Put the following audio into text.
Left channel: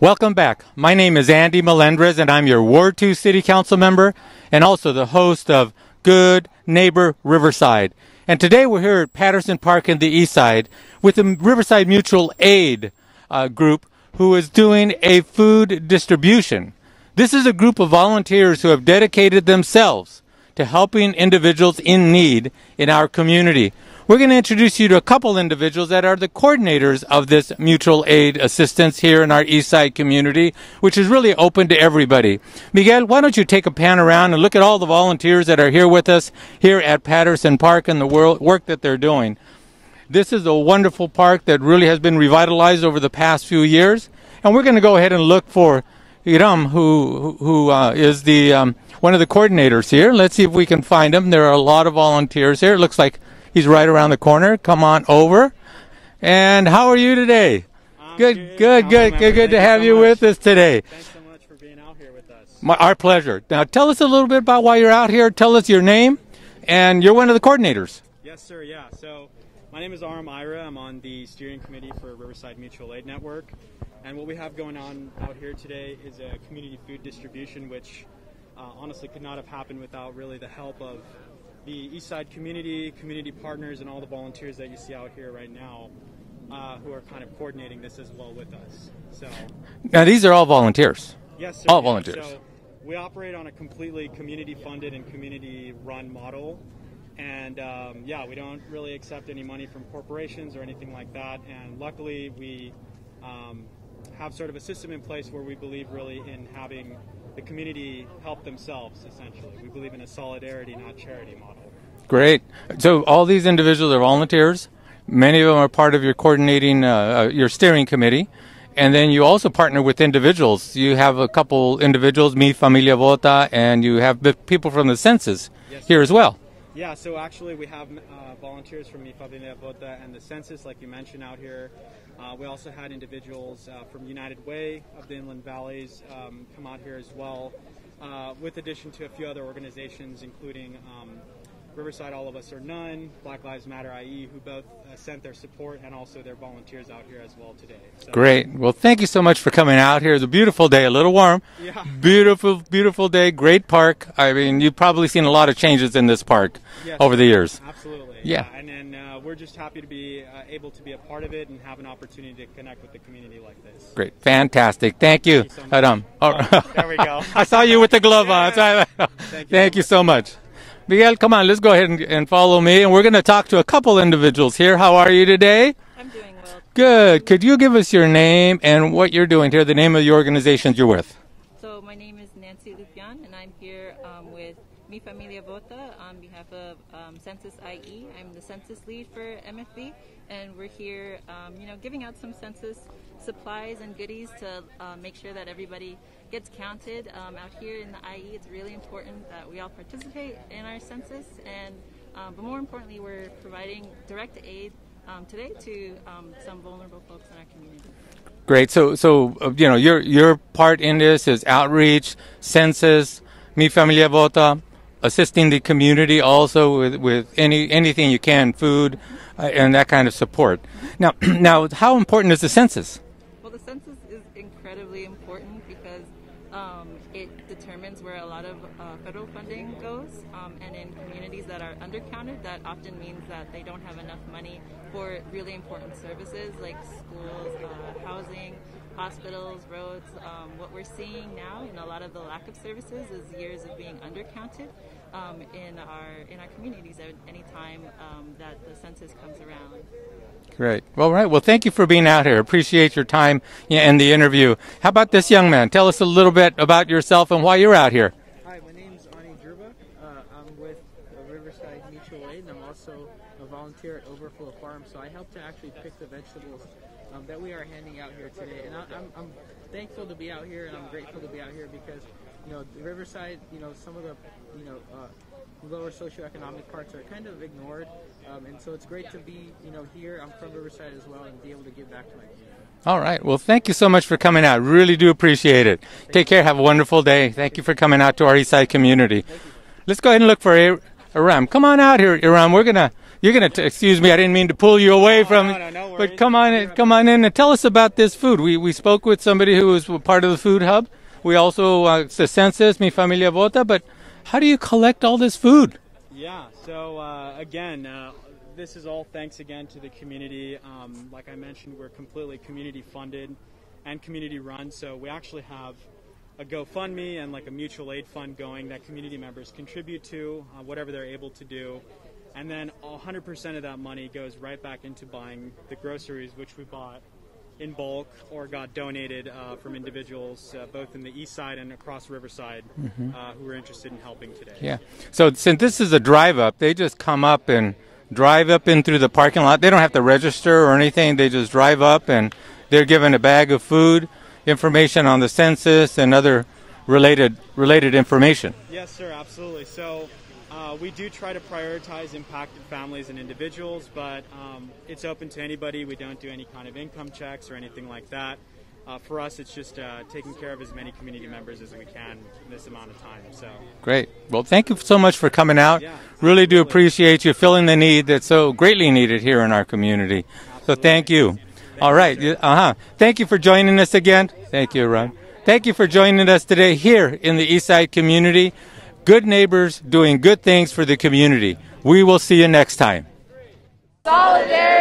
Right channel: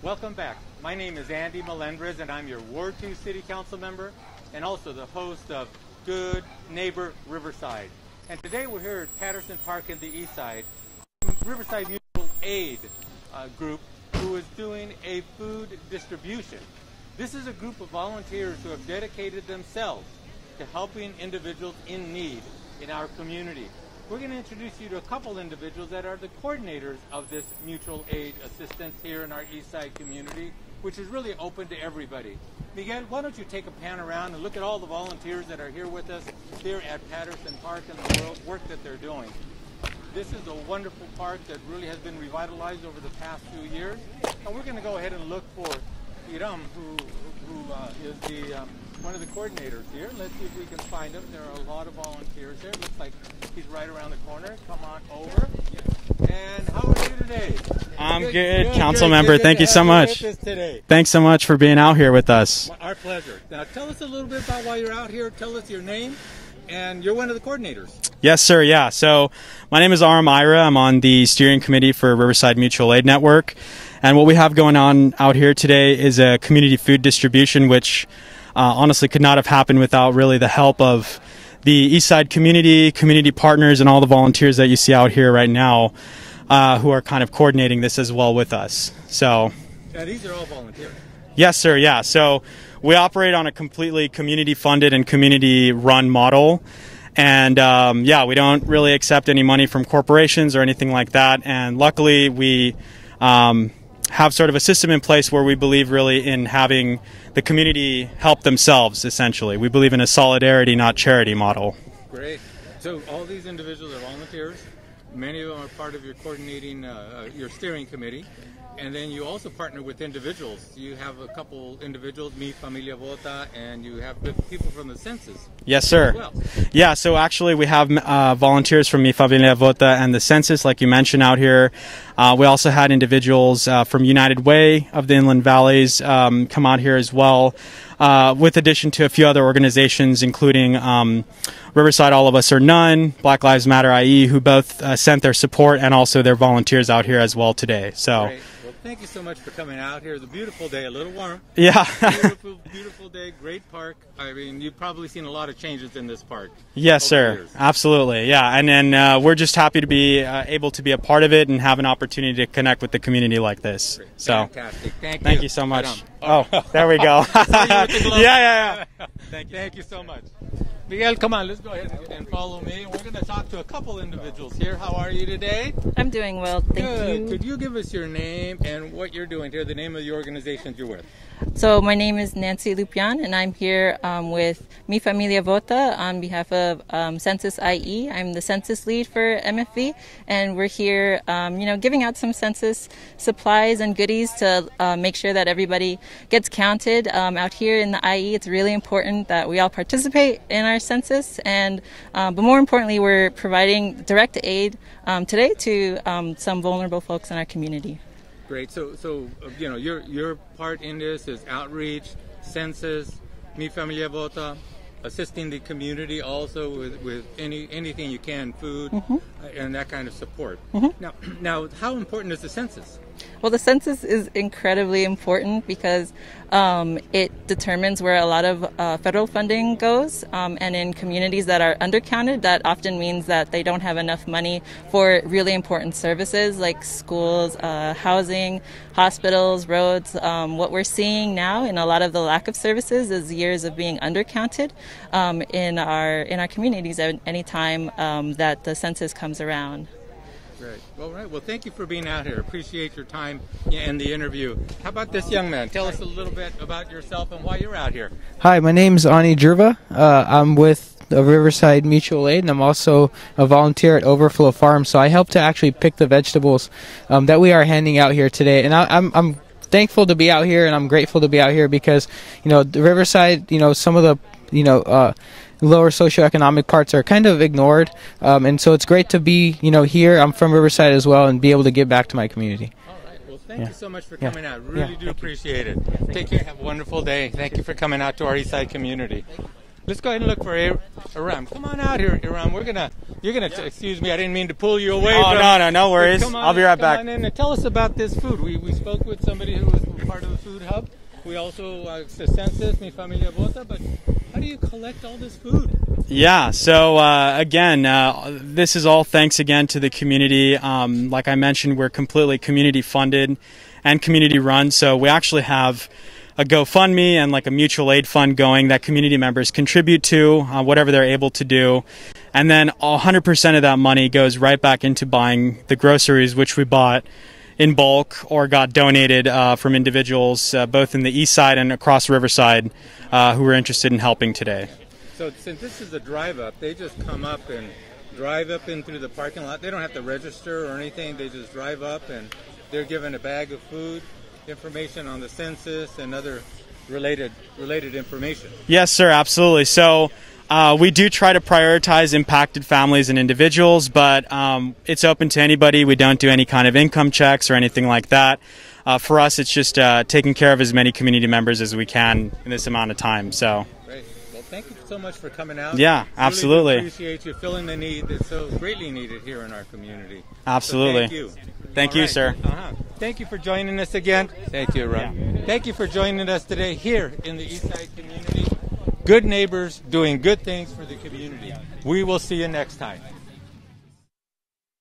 Welcome back. My name is Andy Melendrez, and I'm your Ward 2 City Council member and also the host of Good Neighbor Riverside. And today we're here at Patterson Park in the East Side with the Riverside Mutual Aid group who is doing a food distribution. This is a group of volunteers who have dedicated themselves to helping individuals in need in our community. We're going to introduce you to a couple individuals that are the coordinators of this mutual aid assistance here in our East Side community, which is really open to everybody. Miguel, why don't you take a pan around and look at all the volunteers that are here with us here at Patterson Park and the work that they're doing. This is a wonderful park that really has been revitalized over the past few years, and we're going to go ahead and look for Iram, who is the one of the coordinators here. Let's see if we can find him. There are a lot of volunteers here. It looks like he's right around the corner. Come on over. And how are you today? I'm good. Council member, thank you so much. With us today. Thanks so much for being out here with us. Our pleasure. Now, tell us a little bit about why you're out here. Tell us your name, and you're one of the coordinators. Yes, sir. Yeah. So my name is Aram Ira. I'm on the steering committee for Riverside Mutual Aid Network. And what we have going on out here today is a community food distribution, which honestly could not have happened without really the help of the East Side community partners, and all the volunteers that you see out here right now who are kind of coordinating this as well with us. So now these are all volunteers. Yes, sir. All yeah. volunteers. So we operate on a completely community-funded and community-run model. And yeah, we don't really accept any money from corporations or anything like that. And luckily, we have sort of a system in place where we believe really in having the community help themselves, essentially. We believe in a solidarity, not charity model. Great. So all these individuals are volunteers. Many of them are part of your coordinating, your steering committee. And then you also partner with individuals. You have a couple individuals, Mi Familia Vota, and you have the people from the census here as well. Yeah, so actually we have volunteers from Mi Familia Vota and the census, like you mentioned, out here. We also had individuals from United Way of the Inland Valleys come out here as well, with addition to a few other organizations, including Riverside All of Us or None, Black Lives Matter IE, who both sent their support and also their volunteers out here as well today. So great. Well, thank you so much for coming out here. It's a beautiful day, a little warm. Yeah. Beautiful, beautiful day, great park. I mean, you've probably seen a lot of changes in this park over the years. Absolutely. Yeah. And then we're just happy to be able to be a part of it and have an opportunity to connect with the community like this. Great. So, fantastic. Thank you. Thank you so much. Right oh, there we go. I saw you with the glove yeah. on. Thank you so much. Miguel, come on, let's go ahead and follow me. And we're going to talk to a couple individuals here. How are you today? I'm doing well. Good. Could you give us your name and what you're doing here, the name of the organizations you're with? So my name is Nancy Lupian, and I'm here with Mi Familia Vota on behalf of Census IE. I'm the census lead for MFV, and we're here, giving out some census supplies and goodies to make sure that everybody gets counted. Out here in the IE, it's really important that we all participate in our census, and but more importantly, we're providing direct aid today to some vulnerable folks in our community. Great. So your part in this is outreach, census, Mi Familia Vota, assisting the community also with anything you can, food, and that kind of support. Now, how important is the census? Well, the census is incredibly important because it determines where a lot of federal funding goes, and in communities that are undercounted, that often means that they don't have enough money for really important services like schools, housing, hospitals, roads. What we're seeing now in a lot of the lack of services is years of being undercounted in our communities at any time that the census comes around. Great. Well, right. Well, thank you for being out here. Appreciate your time and the interview. How about this young man? Tell us a little bit about yourself and why you're out here. Hi, my name's Ani Jerva. I'm with the Riverside Mutual Aid, and I'm also a volunteer at Overflow Farm. So I help to actually pick the vegetables that we are handing out here today. And I'm thankful to be out here, and I'm grateful to be out here because, the Riverside, some of the, lower socioeconomic parts are kind of ignored, and so it's great to be here. I'm from Riverside as well, and be able to give back to my community. All right. Well, thank you so much for coming out. Really do appreciate it. Take care. Have a wonderful day. Thank you for coming out to our Eastside community. Let's go ahead and look for Aram, come on out here, Aram. You're gonna excuse me. I didn't mean to pull you away from. No worries. Come on, I'll be right come back. on in and tell us about this food. We spoke with somebody who was part of the food hub. We also it's the census, Mi Familia Vota. But how do you collect all this food? Yeah, so again, this is all thanks again to the community. Like I mentioned, we're completely community funded and community run. So we actually have a GoFundMe and like a mutual aid fund going that community members contribute to, whatever they're able to do. And then 100% of that money goes right back into buying the groceries, which we bought in bulk or got donated from individuals both in the east side and across Riverside who were interested in helping today. Yeah. So since this is a drive up, they just come up and drive up in through the parking lot. They don't have to register or anything. They just drive up and they're given a bag of food, information on the census, and other related information. Yes, sir, absolutely. So we do try to prioritize impacted families and individuals, but it's open to anybody. We don't do any kind of income checks or anything like that. For us, it's just taking care of as many community members as we can in this amount of time. So great. Well, thank you so much for coming out. Yeah, absolutely. Really do appreciate you filling the need that's so greatly needed here in our community. Absolutely. So thank you. Thank All you, right. sir. Thank you for joining us again. Thank you, Ron. Thank you for joining us today here in the Eastside community. Good neighbors doing good things for the community. We will see you next time. Solidarity.